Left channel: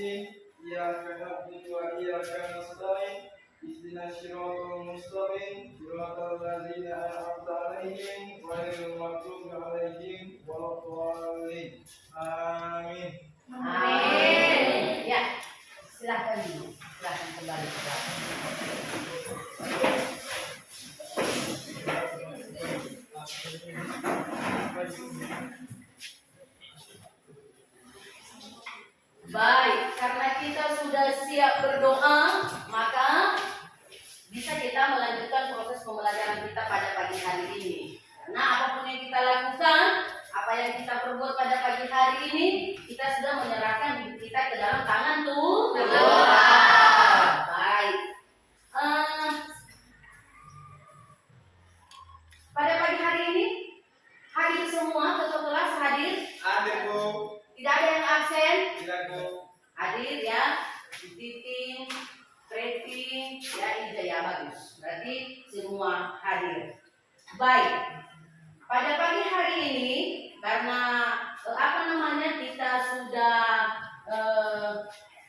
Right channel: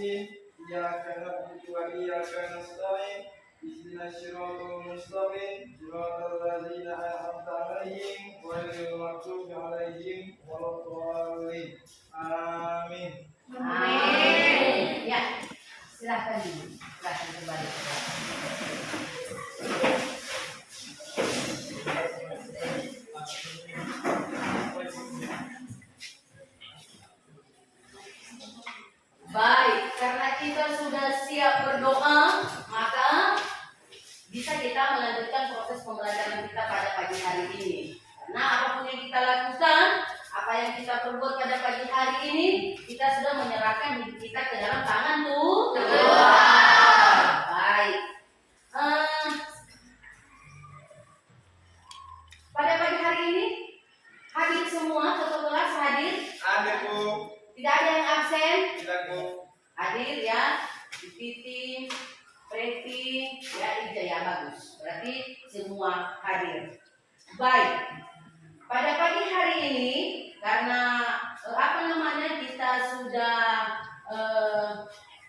الدين إياك نعبد وإياك نستعين اهدنا الصراط المستقيم صراط الذين أنعمت عليهم غير المغضوب عليهم ولا الضالين. Amin. Amin. Ya, silahkan kembali ke belakang. Baik, karena kita sudah siap berdoa, maka bisa kita melanjutkan proses pembelajaran kita pada pagi hari ini. Karena apapun yang kita lakukan, apa yang kita perbuat pada pagi hari ini, kita sudah menyerahkan diri kita ke dalam tangan Tuhan. Baik. Pada pagi hari ini, hadir semua ketua kelas hadir? Ada Bu. Tidak ada yang absen? Tidak Bu. Hadir ya, Titin, Preti, ya Ija ya, bagus. Berarti semua hadir. Baik. Pada pagi hari ini, karena kita sudah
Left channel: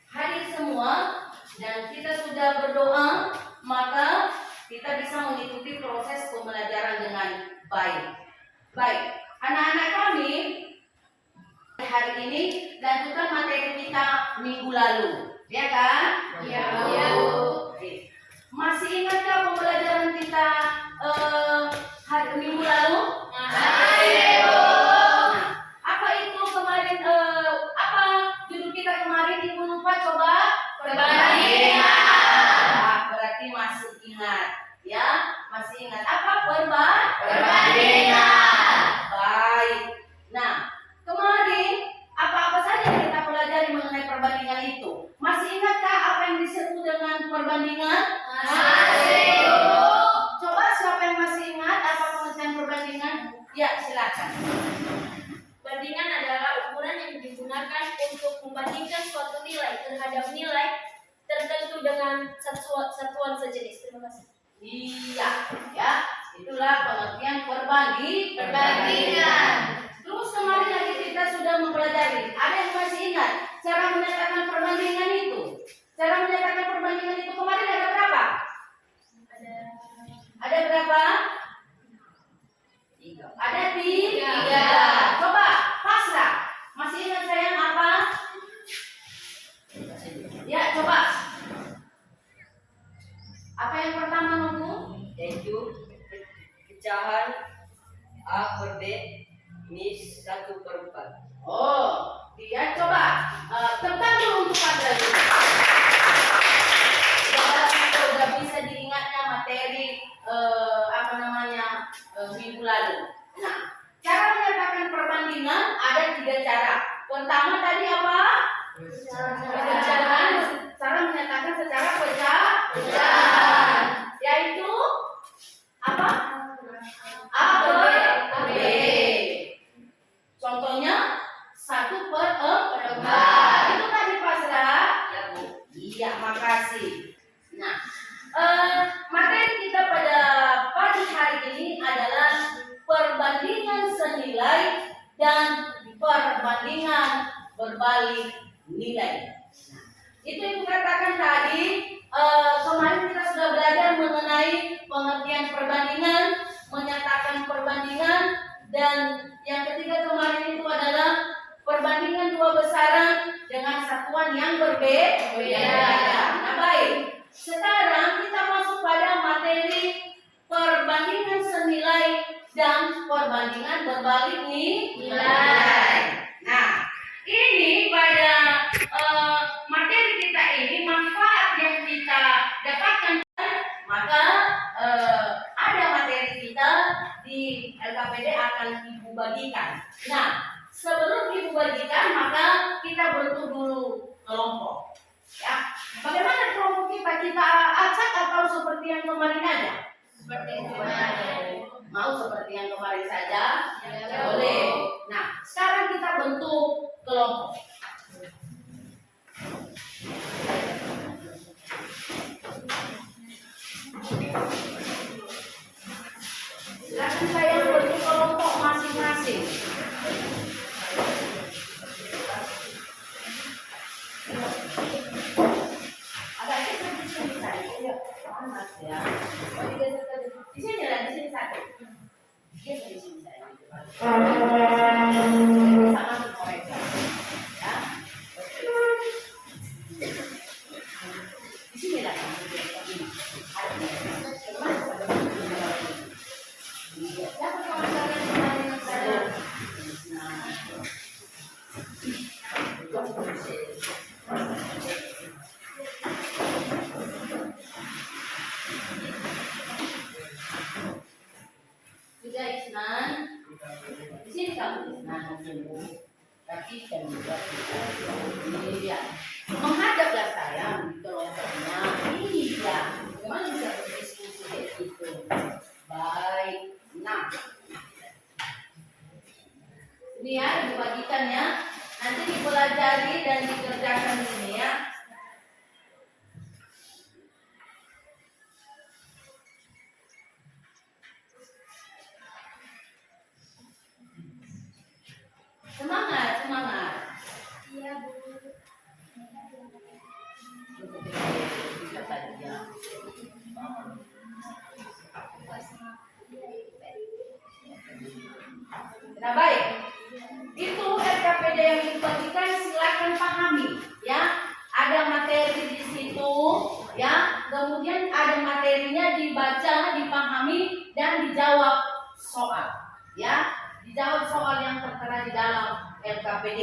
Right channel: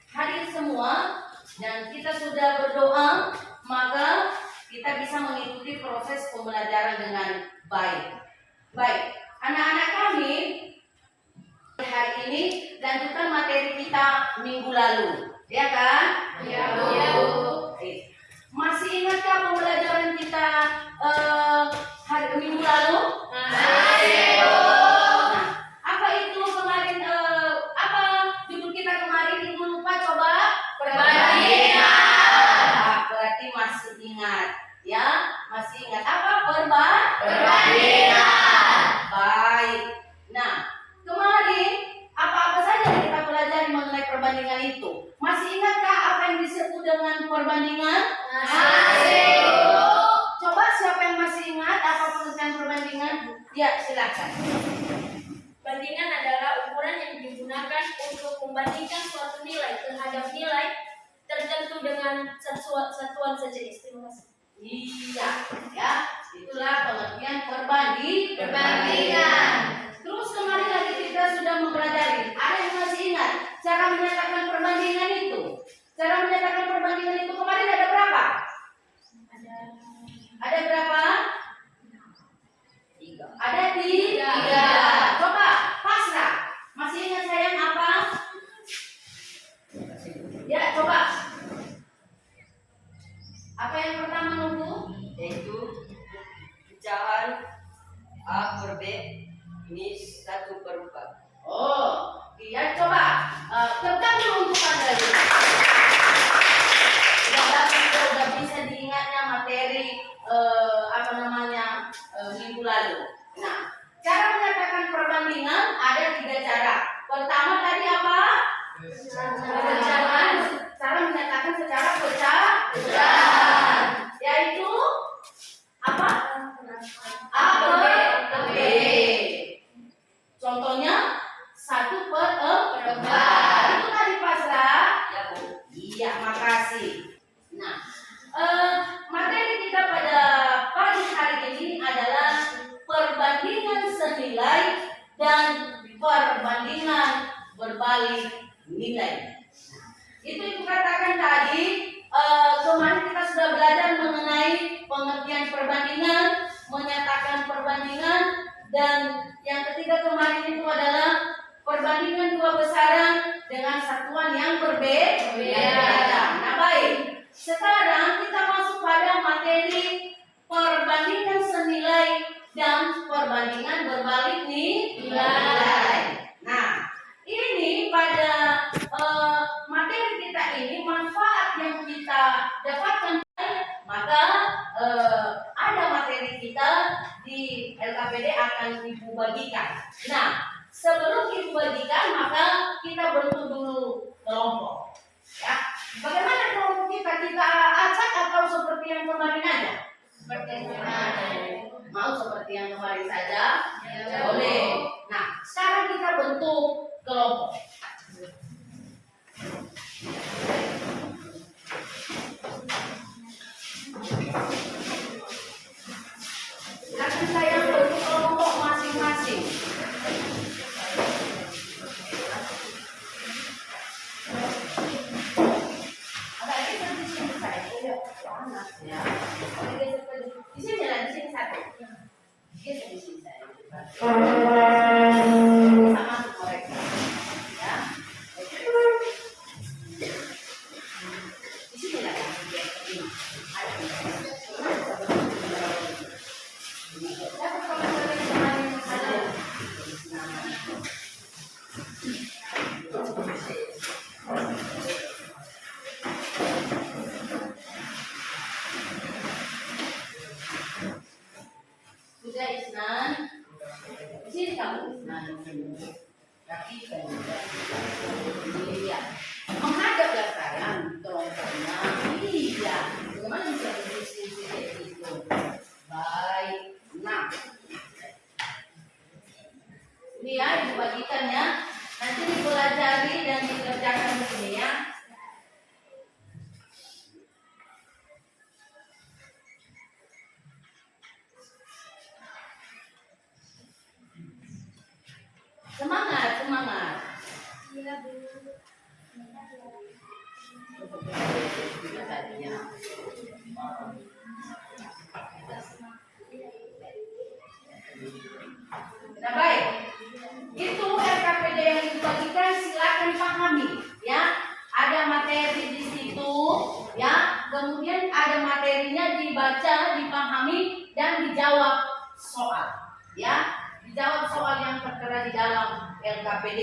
hadir semua dan kita sudah berdoa, maka kita bisa mengikuti proses pembelajaran dengan baik. Baik, anak-anak kami hari ini lanjutkan materi kita minggu lalu, ya kan? Ya, Bu. Masih ingatkah pembelajaran kita hari minggu lalu? Masih, Bu. Nah, apa itu kemarin? Apa judul kita kemarin? Ibu lupa, coba. Perbandingan. Nah, berarti masih ingat, ya? Masih ingat apa Perbandingan. Baik. Nah, kemarin apa-apa saja yang kita pelajari mengenai perbandingan itu? Masih ingatkah apa yang disebut dengan perbandingan? Masih, Bu. Coba siapa yang masih ingat apa pengertian perbandingan? Ya, silakan. Bandingan adalah ukuran yang digunakan untuk membandingkan suatu nilai terhadap nilai tertentu dengan satuan sejenis. Terima kasih. Iya, ya. Itulah pengertian perbandingan. Terus kemarin lagi kita sudah mempelajari. Ada yang masih ingat cara menyatakan perbandingan itu? Cara menyatakan perbandingan itu kemarin ada berapa? Ada berapa? 3. Ada 3. Coba pasrah. Masih ingat sayang apa? Ya, coba. Apa yang pertama nunggu? Yaitu pecahan A per B ini 1/4. Oh, dia coba tentang dulu untuk Padra juga. Sudah bisa diingatnya materi minggu lalu. Nah, cara menyatakan perbandingan ada 3 cara. Pertama tadi apa? Cara menyatakan secara pecahan. Yaitu apa? A per B. Contohnya 1/4. Itu tadi pasrah. Ya, Bu. Iya, makasih. Nah, materi kita pada pagi hari ini adalah perbandingan senilai dan perbandingan berbalik nilai. Nah, itu yang katakan tadi. Kemarin kita sudah belajar mengenai pengertian perbandingan, menyatakan perbandingan, dan yang ketiga kemarin itu adalah perbandingan 2 besaran dengan satuan yang berbeda. Nah, baik. Sekarang kita masuk pada materi perbandingan senilai dan perbandingan berbalik nilai. Nah, ini pada materi kita ini manfaat yang kita dapatkan, maka ada materi kita di LKPD akan Ibu bagikan. Nah, sebelum Ibu bagikan maka kita bentuk dulu kelompok, ya. panas ya. Di sini lah, di sini satu. Geser di sini saya. Bisa masuk mereka. Ya. Oke. Di sini lah. Ini. Dapat kalau dari kemarin yang saya. Nah. Sudah Isnan, di sini kamu Isnan, kaki dan juga ini ya, menghadap ya sayang, kelompoknya, iya, bagaimana bisa berdiskusi kayak gitu? Baik, nah, ini ya dibagikan ya, nanti dipelajari dan dikerjakan di sini ya. Semangat, semangat. Iya, Bu. Bisa tadi ya. Nah baik, itu RKPD yang dibagikan silakan pahami ya. Ada materi di situ ya. Kemudian ada materinya dibaca, dipahami dan dijawab soal ya. Dijawab soal yang tertera di dalam LKPD.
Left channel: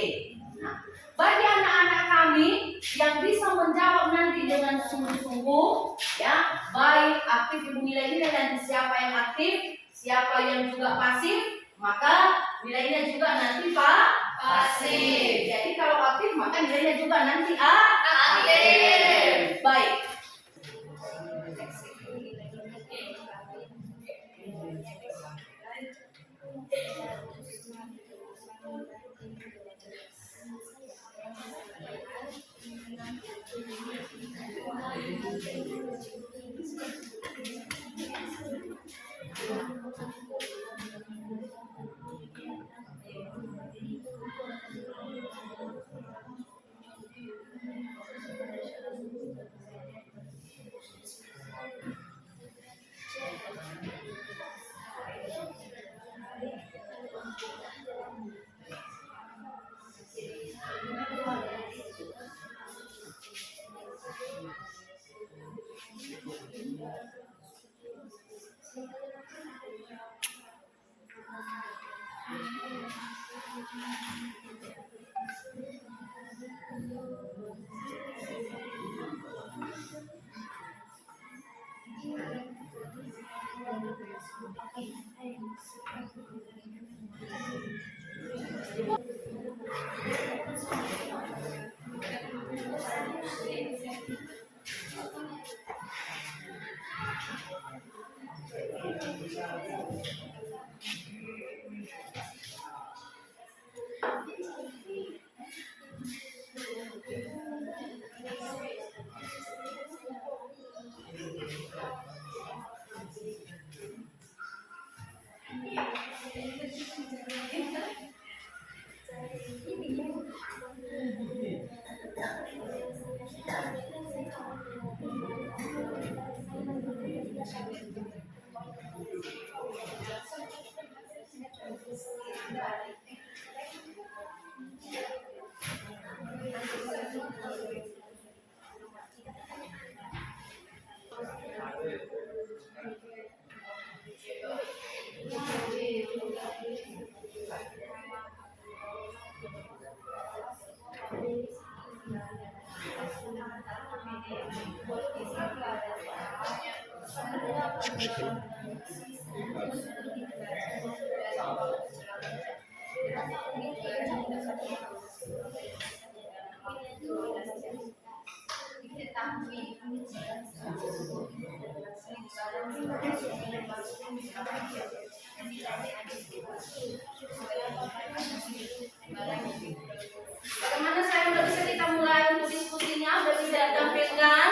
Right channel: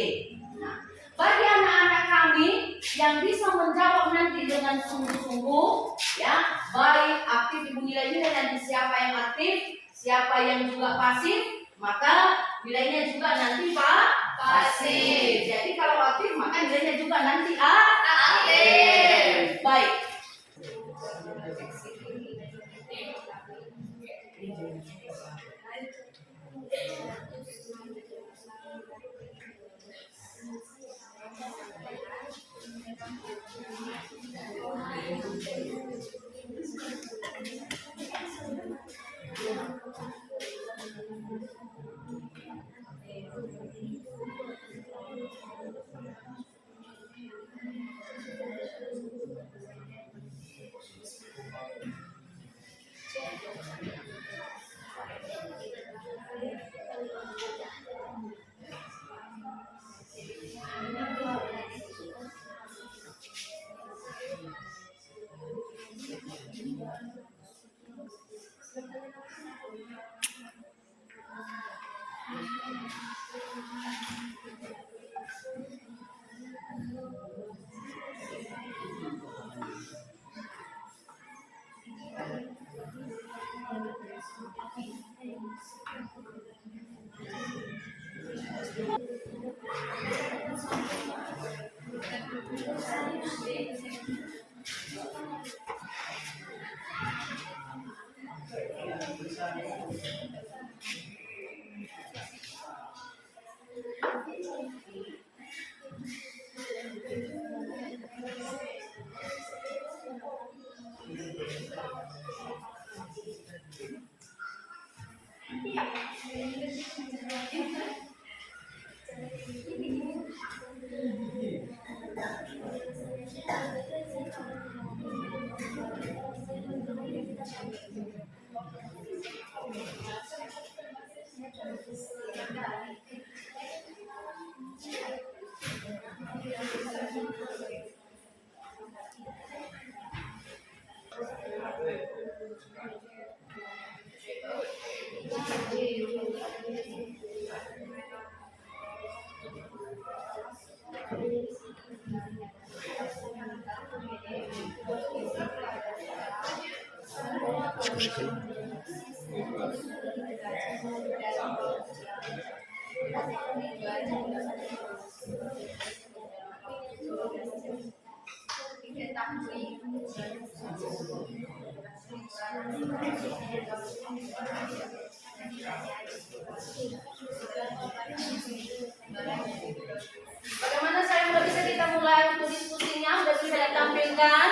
Nah, bagi anak-anak kami yang bisa menjawab nanti dengan sungguh-sungguh, ya, baik aktif ibu nilai-nilai nanti siapa yang aktif, siapa yang juga pasif, maka nilainya juga nanti pasif. Jadi kalau aktif maka nilainya juga nanti aktif. Baik. Bagaimana saya udah bisa kita mulai untuk diskusinya? Udah bisa ditampilkan?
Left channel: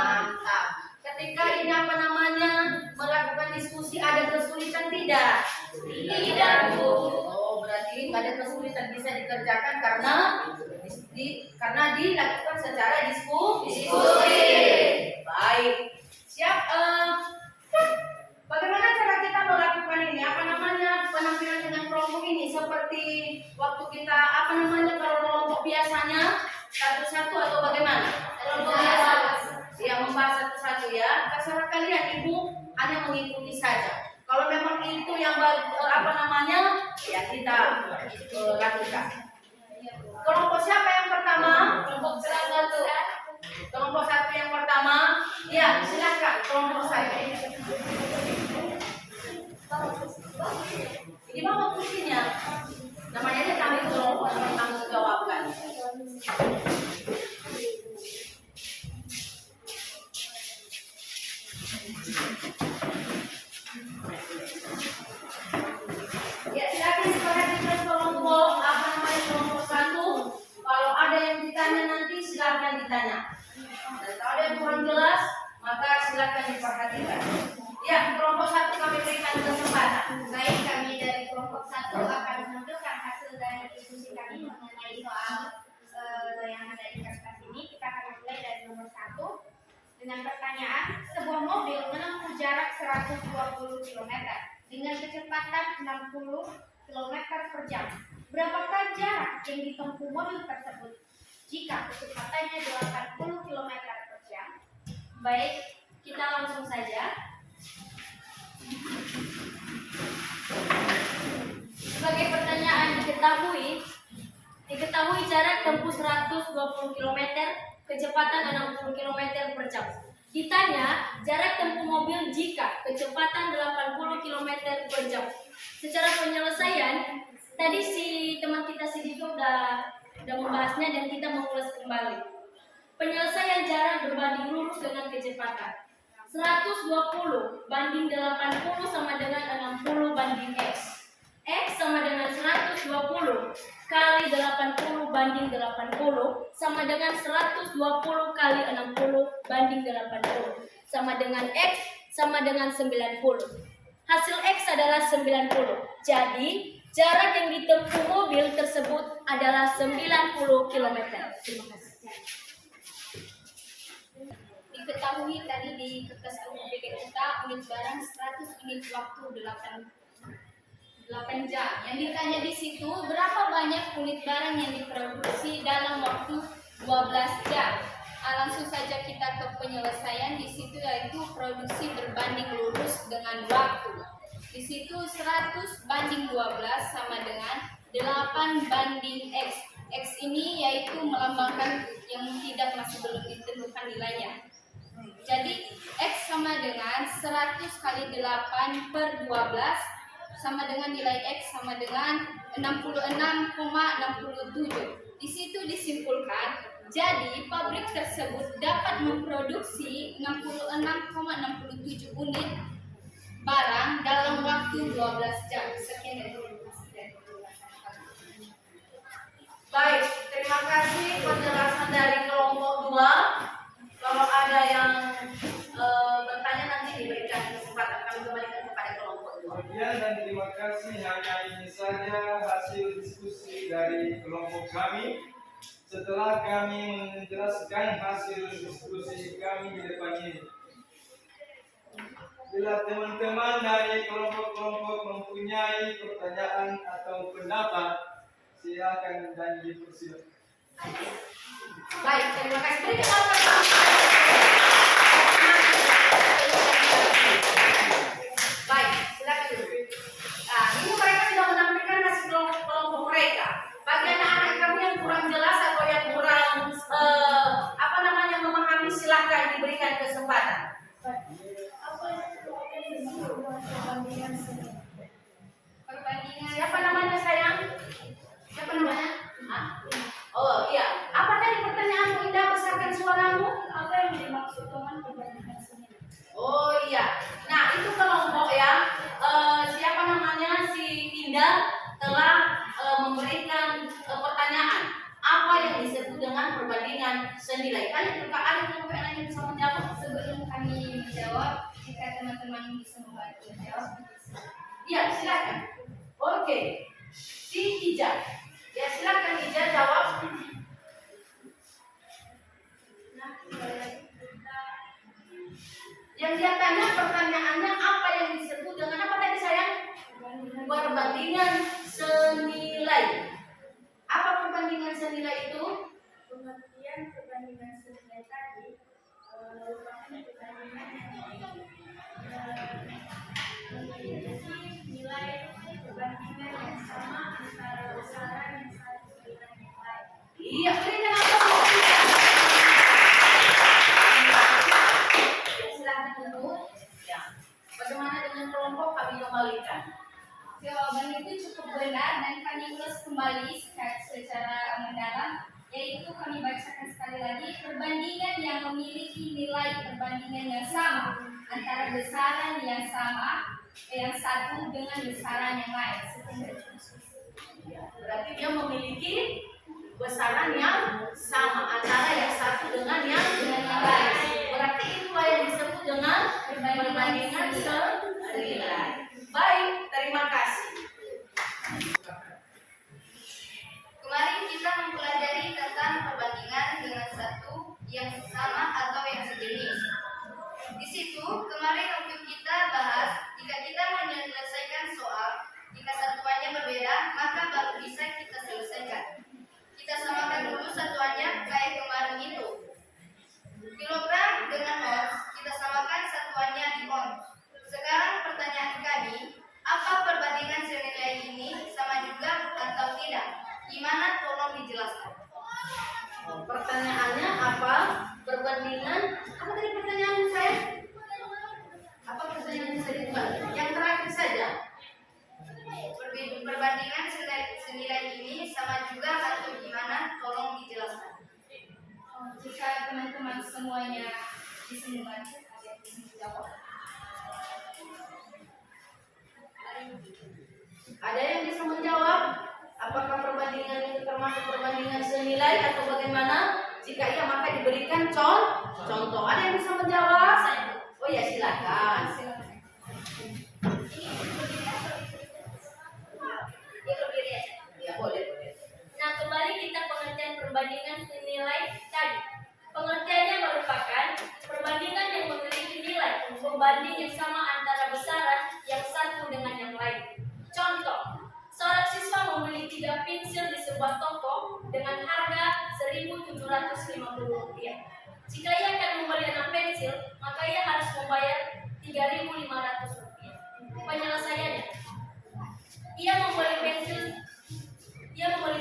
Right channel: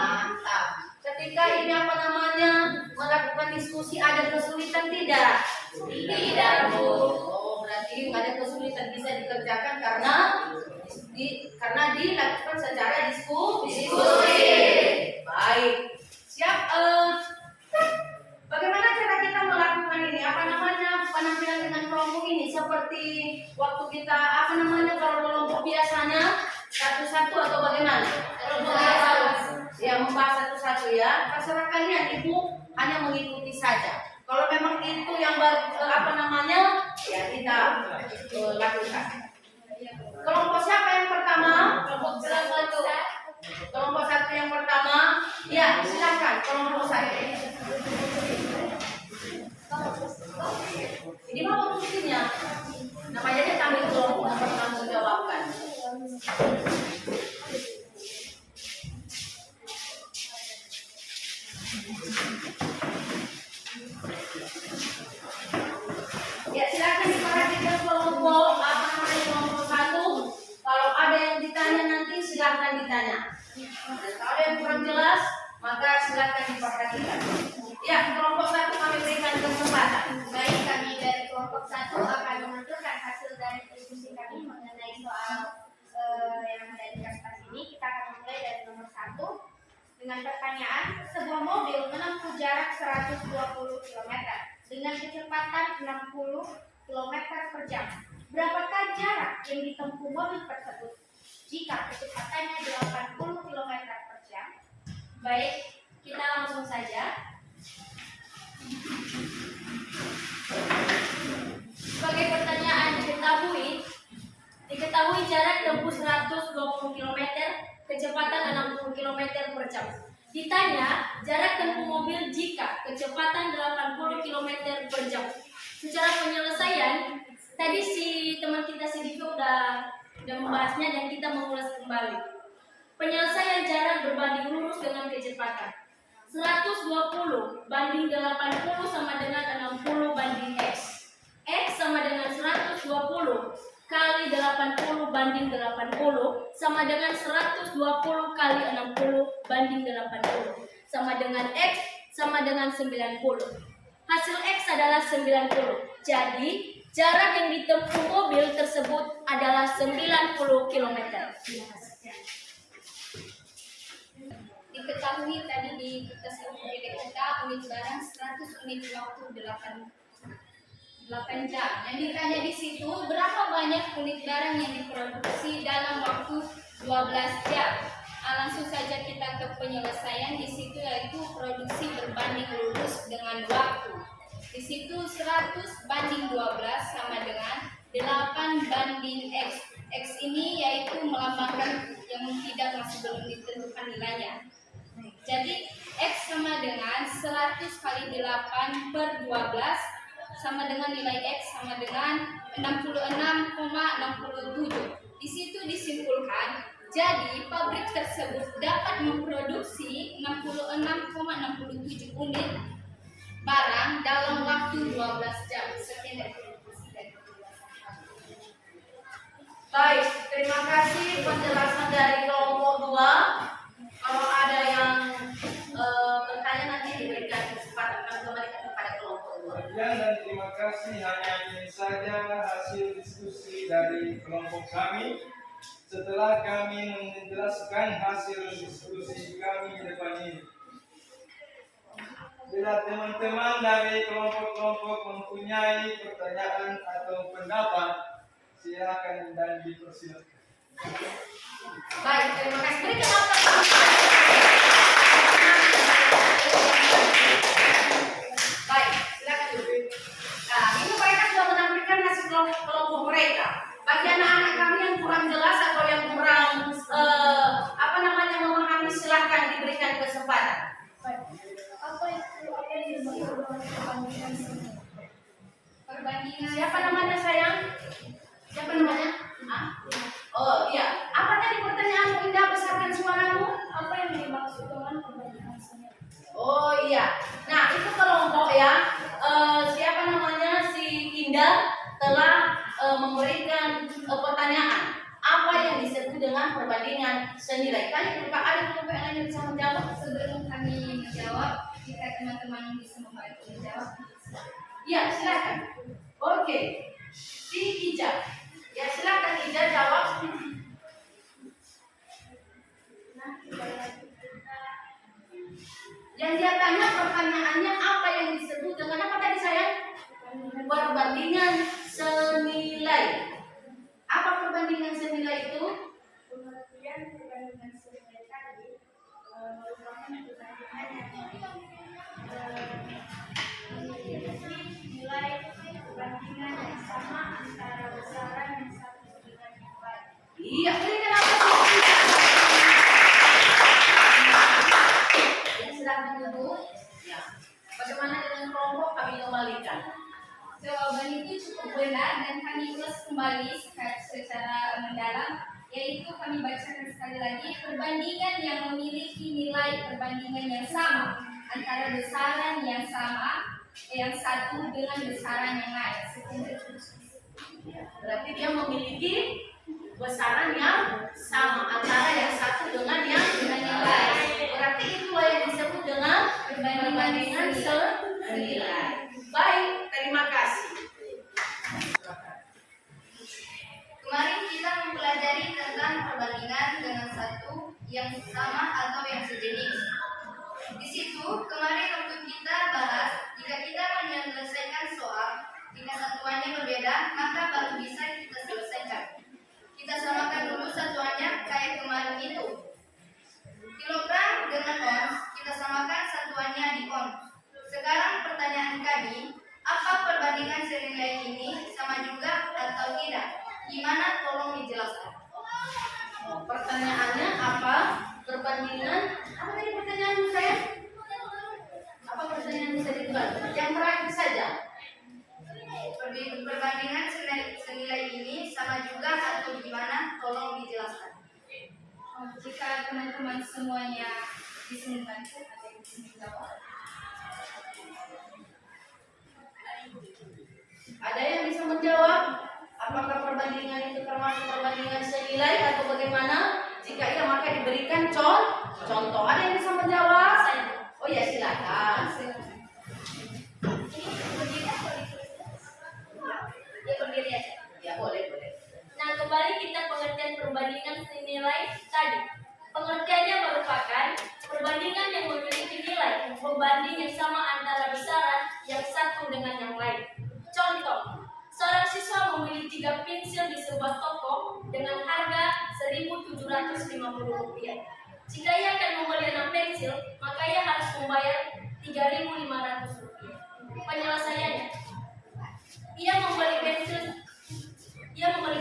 Mantap. Ketika ini apa namanya melakukan diskusi ada kesulitan tidak? Tidak, Bu. Oh, berarti nggak ada kesulitan, bisa dikerjakan karena karena dilakukan secara diskusi. Baik. Siap. Bagaimana cara kita melakukan ini? Apa namanya penampilan dengan kelompok ini? Seperti waktu kita kalau kelompok biasanya satu-satu atau bagaimana? Ya, membahas satu-satu ya. Terserah kalian, Ibu hanya mengikuti saja. Kalau memang itu yang ya kita lakukan. Kelompok siapa yang pertama? Kelompok satu. Kelompok satu yang pertama. Ya, silakan kelompok satu. Ini mau fungsinya. Namanya kami kelompok yang bertanggung jawabkan. Ya, silakan diperhatikan kelompok kelompok satu. Kalau ada yang ditanya nanti silakan ditanya. Dan kalau ada yang kurang jelas maka silakan diperhatikan. Ya, kelompok satu kami berikan kesempatan. Baik, kami dari kelompok 1 akan menunjukkan hasil dari diskusi kami mengenai soal yang ada di kertas ini. Kita akan mulai dari nomor 1 dengan pertanyaan, sebuah mobil menempuh jarak 120 km dengan kecepatan 60 km per jam. Berapakah jarak yang ditempuh mobil tersebut jika kecepatannya 80 km per jam? Baik, kita langsung saja. Sebagai pertanyaan diketahui jarak tempuh 120 km, kecepatan 60 km per jam. Ditanya jarak tempuh mobil jika kecepatan 80 km per jam. Secara penyelesaian, tadi teman kita Dika udah membahasnya dan kita mengulas kembali. Penyelesaian jarak berbanding lurus dengan kecepatan. 120 banding 80 sama dengan 60 banding X. X sama dengan 120 kali 80 banding 80 sama dengan 120 kali 60 banding 80 sama dengan X sama dengan 90. Hasil X adalah 90. Jadi jarak yang ditempuh mobil tersebut adalah 90 km. Terima kasih. Diketahui tadi di kertas UPD kita unit barang 100, unit waktu 8 jam. Yang ditanya di situ berapa banyak unit barang yang diproduksi dalam waktu 12 jam. Langsung saja kita ke penyelesaian di situ, yaitu produksi berbanding lurus dengan waktu. Di situ 100 banding 12 sama dengan 8 banding X. X ini yaitu melambangkan yang masih belum ditentukan nilainya. Jadi X sama dengan 100 kali 8 per 12 sama dengan nilai X sama dengan 66,67. Di situ disimpulkan, jadi pabrik tersebut dapat memproduksi 66,67 unit barang dalam waktu 12 jam. Sekian dari Baik, terima kasih penjelasan dari kelompok 2. Kalau ada yang bertanya nanti diberikan kesempatan kami kembalikan kepada kelompok 2. Sekian dan terima kasih. Hanya ini saja hasil diskusi dari kelompok kami. Setelah kami menjelaskan hasil diskusi kami di depan ini, bila teman-teman dari kelompok-kelompok mempunyai pertanyaan atau pendapat, silakan dan dipersilakan. Baik, terima kasih. Berikan baik, silakan dulu. Nah, ini mereka sudah menampilkan hasil kelompok mereka. Bagi anak-anak kami yang kurang jelas atau yang kurang memahami, silakan diberikan kesempatan. Perbandingan. Siapa namanya sayang? Siapa namanya? Oh iya. Apa tadi pertanyaanmu, Indah? Besarkan suaramu. Apa yang dimaksud dengan perbandingan seni? Oh iya. Nah, itu kelompok ya. Siapa namanya? Si Indah telah memberikan pertanyaan. Apa yang disebut dengan perbandingan senilai? Kan ada kelompok yang bisa menjawab. Sebelum kami menjawab, jika teman-teman bisa membantu menjawab. Iya, silakan. Oke. Si Ija. Ya, silakan Ija jawab. Yang dia tanya pertanyaannya apa yang disebut dengan apa tadi sayang? Perbandingan senilai. Apa perbandingan senilai itu? Pengertian perbandingan senilai tadi merupakan perbandingan yang memiliki nilai perbandingan yang sama antara besaran yang satu dengan yang lain. Iya, ini kenapa sih? Ya, silahkan duduk. Ya. Bagaimana dengan kelompok kami kembalikan? Jawaban itu cukup benar dan kami ulas kembali secara mendalam, yaitu kami bacakan sekali lagi perbandingan yang memiliki nilai perbandingan yang sama antara besaran yang sama yang satu dengan besaran yang lain. Ya, berarti dia memiliki besaran yang sama antara yang satu dengan yang lain. Berarti itulah yang disebut dengan perbandingan senilai. Baik, terima kasih. Kemarin kita mempelajari tentang perbandingan dengan satu yang sama atau yang sejenis. Di situ kemarin waktu kita bahas jika kita menyelesaikan soal jika satuannya berbeda maka baru bisa kita selesaikan. Kita samakan dulu satuannya kayak kemarin itu. Kilogram dengan ons kita samakan satuannya di ons. Sekarang pertanyaan kami, apa perbandingan senilai ini sama juga atau tidak? Gimana? Tolong dijelaskan. Oh, pertanyaannya apa? Perbandingan apa tadi pertanyaanmu saya? Apa pertanyaan bisa diulang? Yang terakhir saja. Perbandingan senilai ini sama juga atau gimana? Tolong dijelaskan. Jika teman-teman semuanya di sini bantu, ada yang bisa menjawab. Ada yang bisa menjawab? Apakah perbandingan itu termasuk perbandingan senilai atau bagaimana? Jika iya maka diberikan contoh. Ada yang bisa menjawab? Oh ya silakan. Ini berdiri atau ditulis? Ya berdiri aja. Ya boleh. Nah, kembali kita pengertian perbandingan senilai tadi. Pengertiannya merupakan perbandingan yang memiliki nilai pembanding yang sama antara besaran yang satu dengan yang lain. Contoh, seorang siswa membeli 3 pensil di sebuah toko dengan harga Rp1.750. Jika ia akan membeli 6 pensil, maka ia harus membayar Rp3.500. Penyelesaiannya, ia membeli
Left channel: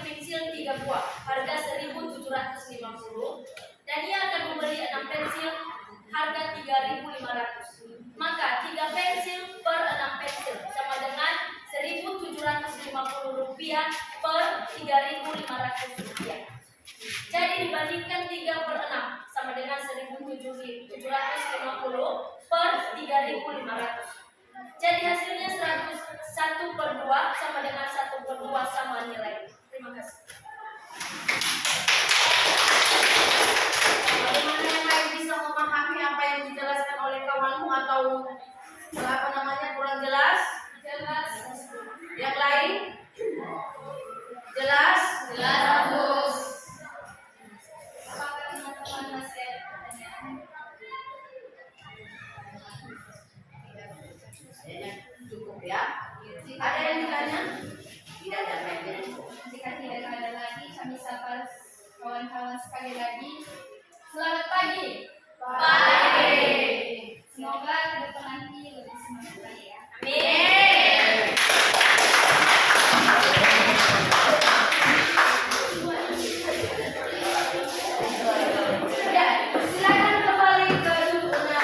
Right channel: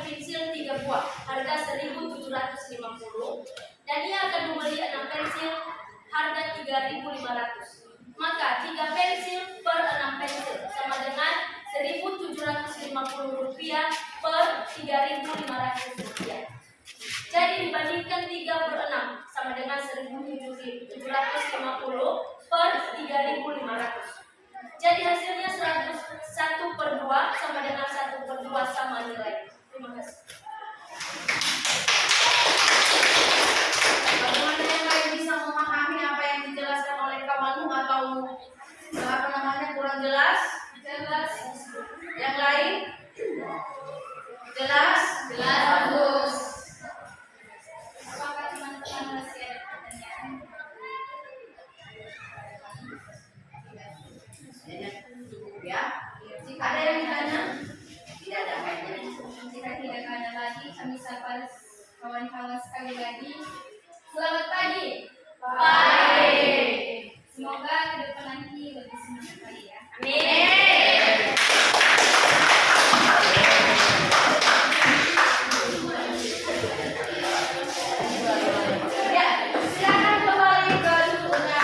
pensil 3 buah harga Rp1.750 dan ia akan membeli 6 pensil harga Rp3.500. Maka 3 pensil per 6 pensil sama dengan Rp1.750 per Rp3.500. Jadi dibandingkan 3 per 6 sama dengan Rp1.750 per Rp3.500. Jadi hasilnya 1 per 2 sama dengan 1 per 2 sama nilai. Terima kasih. Bagaimana yang lain bisa memahami apa yang dijelaskan oleh kawanmu atau kurang jelas? Jelas. Yang lain? Jelas? Bagus. Apakah teman-teman masih ada pertanyaan? Kayaknya cukup ya. Ada yang ditanya? Tidak ada kayaknya. Jika tidak ada lagi, kami sapa kawan-kawan sekali lagi. Selamat pagi. Pagi. Semoga ke depan nanti lebih semangat lagi ya. Amin. Ya, silakan kembali ke duduknya.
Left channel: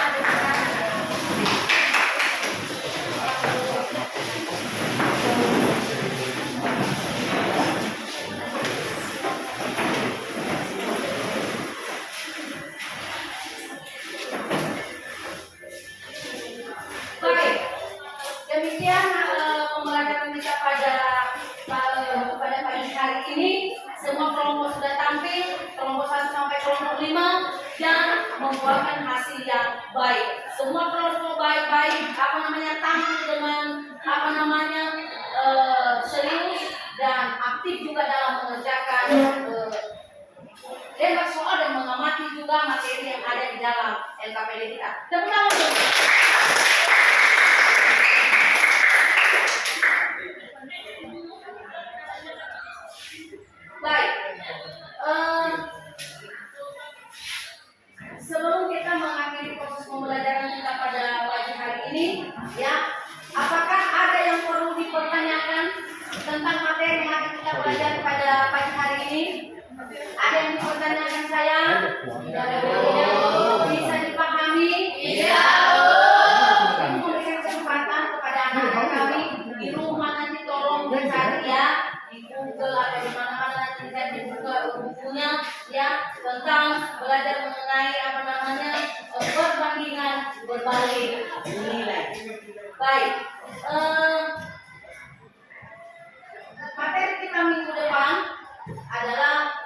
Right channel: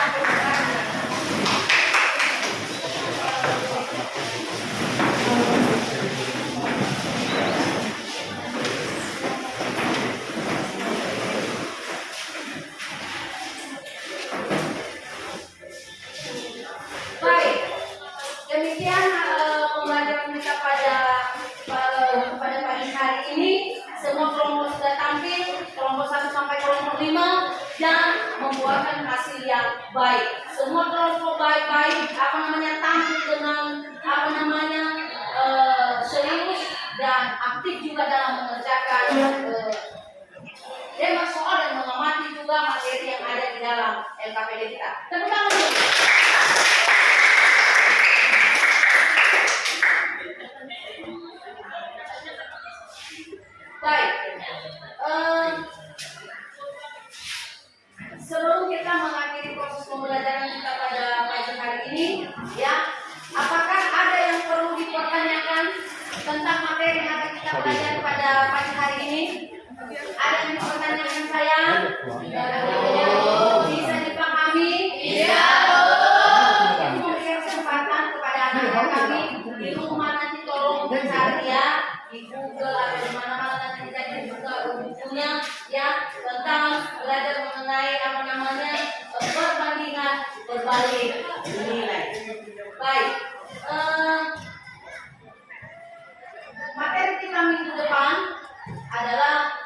Baik, demikian pembelajaran kita pada pagi hari ini. Semua kelompok sudah tampil, kelompok 1 sampai kelompok 5 dan membuahkan hasil yang baik. Semua kelompok baik-baik, tampil dengan serius dan aktif juga dalam mengerjakan soal dan mengamati juga juga materi yang ada di dalam LKPD kita. Tepuk tangan dulu. Baik. Sebelum kita mengakhiri proses pembelajaran kita pada pagi hari ini, ya, apakah ada yang perlu dipertanyakan tentang materi yang akan kita pelajari pada pagi hari ini? Ada yang dipertanyakan saya? Bisa dipahami? Iya. Memberikan kesempatan kepada anak-anak kami di rumah, nanti tolong dicari ya di Google atau di mana-mana, nanti dicari juga bukunya ya, tentang belajar mengenai apa namanya perbandingan berbalik nilai. Baik. Materi kita minggu depan adalah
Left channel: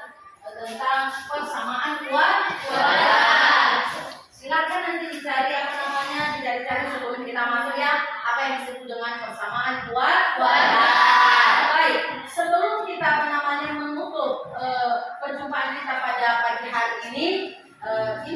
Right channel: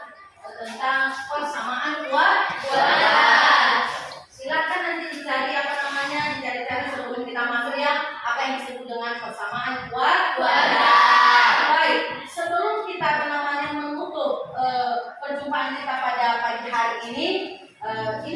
tentang persamaan kuadrat. Silakan nanti dicari apa namanya, dicari-cari sebelum kita masuk ya, apa yang disebut dengan persamaan kuadrat. Baik, sebelum kita apa namanya menutup perjumpaan kita pada pagi hari ini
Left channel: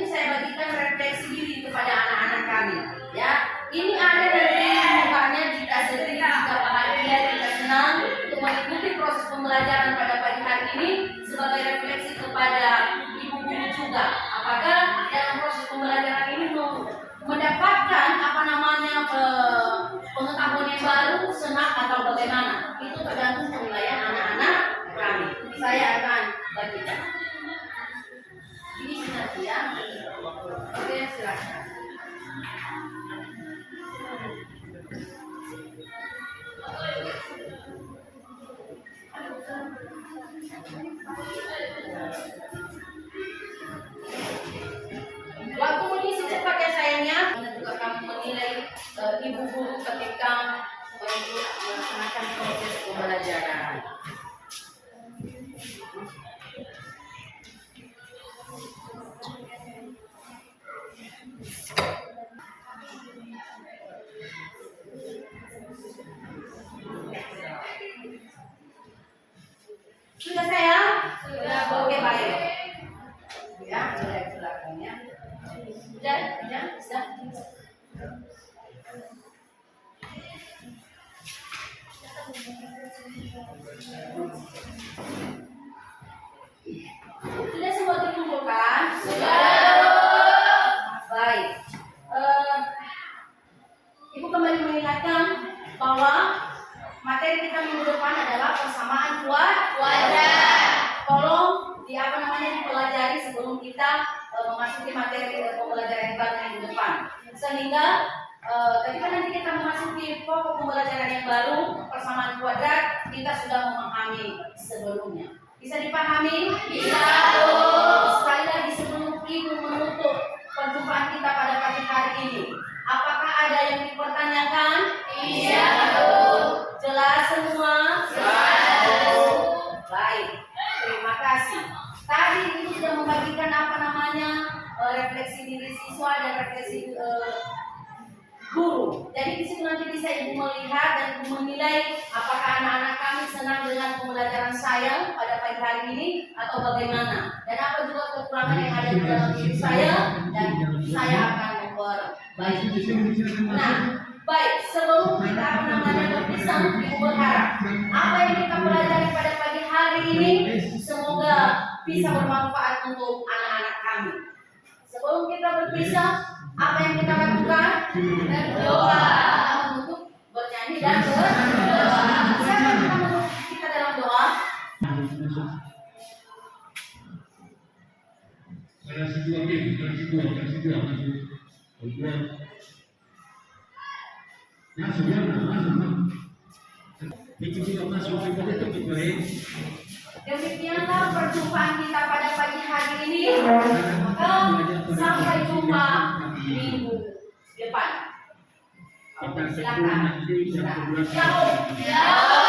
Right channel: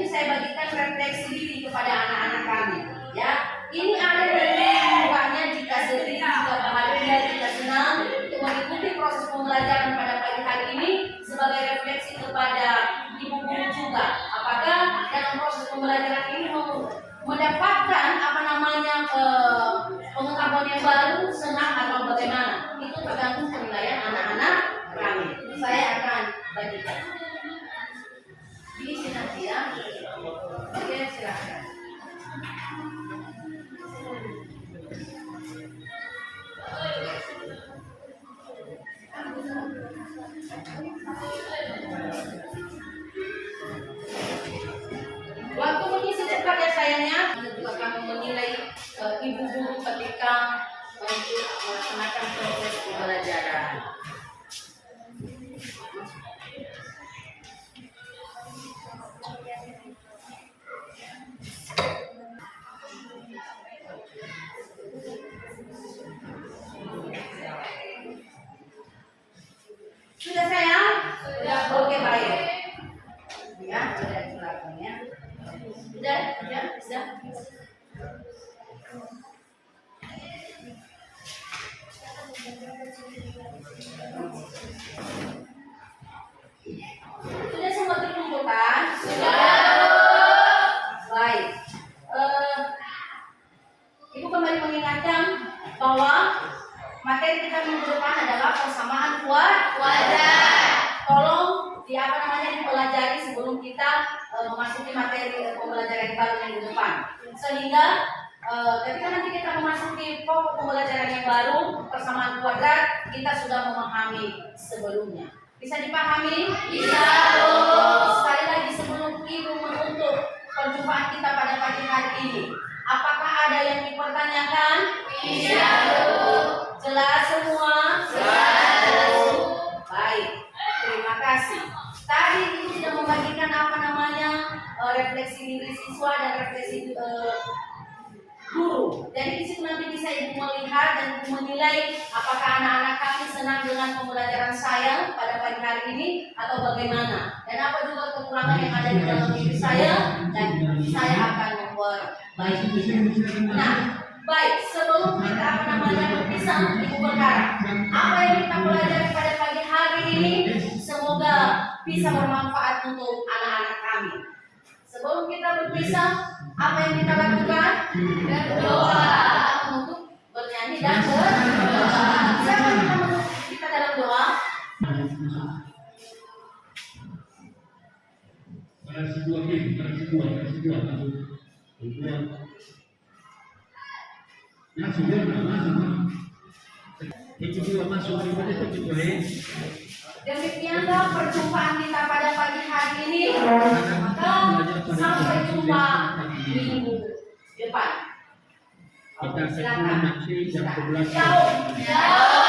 saya bagikan refleksi diri kepada anak-anak kami. Ya, ini ada dari mukanya, jika sedih, jika bahagia, jika senang, untuk mengikuti proses pembelajaran pada pagi hari ini sebagai refleksi kepada ibu guru juga. Apakah dalam proses pembelajaran ini mendapatkan apa namanya pengetahuan yang baru, senang atau bagaimana? Itu tergantung penilaian anak-anak kami. Saya akan bagikan. Diisi nanti ya. Oke, silakan. Waktu mengisi cepat ya sayangnya, dan juga kami menilai ibu guru ketika melaksanakan proses pembelajaran. Sudah sayang? Sudah. Oke, baik. Ya, sudah silakan ya. Sudah. Sudah semua terkumpulkan? Sudah. Baik. Ibu kembali mengingatkan bahwa materi kita minggu depan adalah persamaan kuadrat. Tolong dipelajari sebelum kita memasuki materi pembelajaran baru minggu depan. Sehingga ketika nanti kita memasuki pokok pembelajaran yang baru, persamaan kuadrat, kita sudah memahami sebelumnya. Bisa dipahami? Bisa. Sekali lagi sebelum Ibu menutup perjumpaan kita pada pagi hari ini, apakah ada yang dipertanyakan? Iya. Jelas semua? Jelas. Baik, terima kasih. Tadi Ibu sudah membagikan apa namanya refleksi diri siswa dan refleksi guru. Jadi di situ nanti bisa Ibu melihat dan Ibu menilai apakah anak-anak kami senang dengan pembelajaran saya pada pagi hari ini atau bagaimana. Dan apa juga kekurangan yang ada di dalam diri saya, dan saya akan memperbaiki. Nah, baik, sebelum kita berpisah, Ibu berharap apa yang kita pelajari pada pagi hari ini semoga bisa bermanfaat untuk anak-anak kami. Sebelum kita berpisah, apa yang kita lakukan? Berdoa. Untuk bernyanyi dan berdoa. Saya minta menutup kita dalam doa. Kasih dua. Demikianlah perjumpaan kita pada pagi hari ini. Maka sampai jumpa minggu depan. Kita nanti jam 11. Ciao.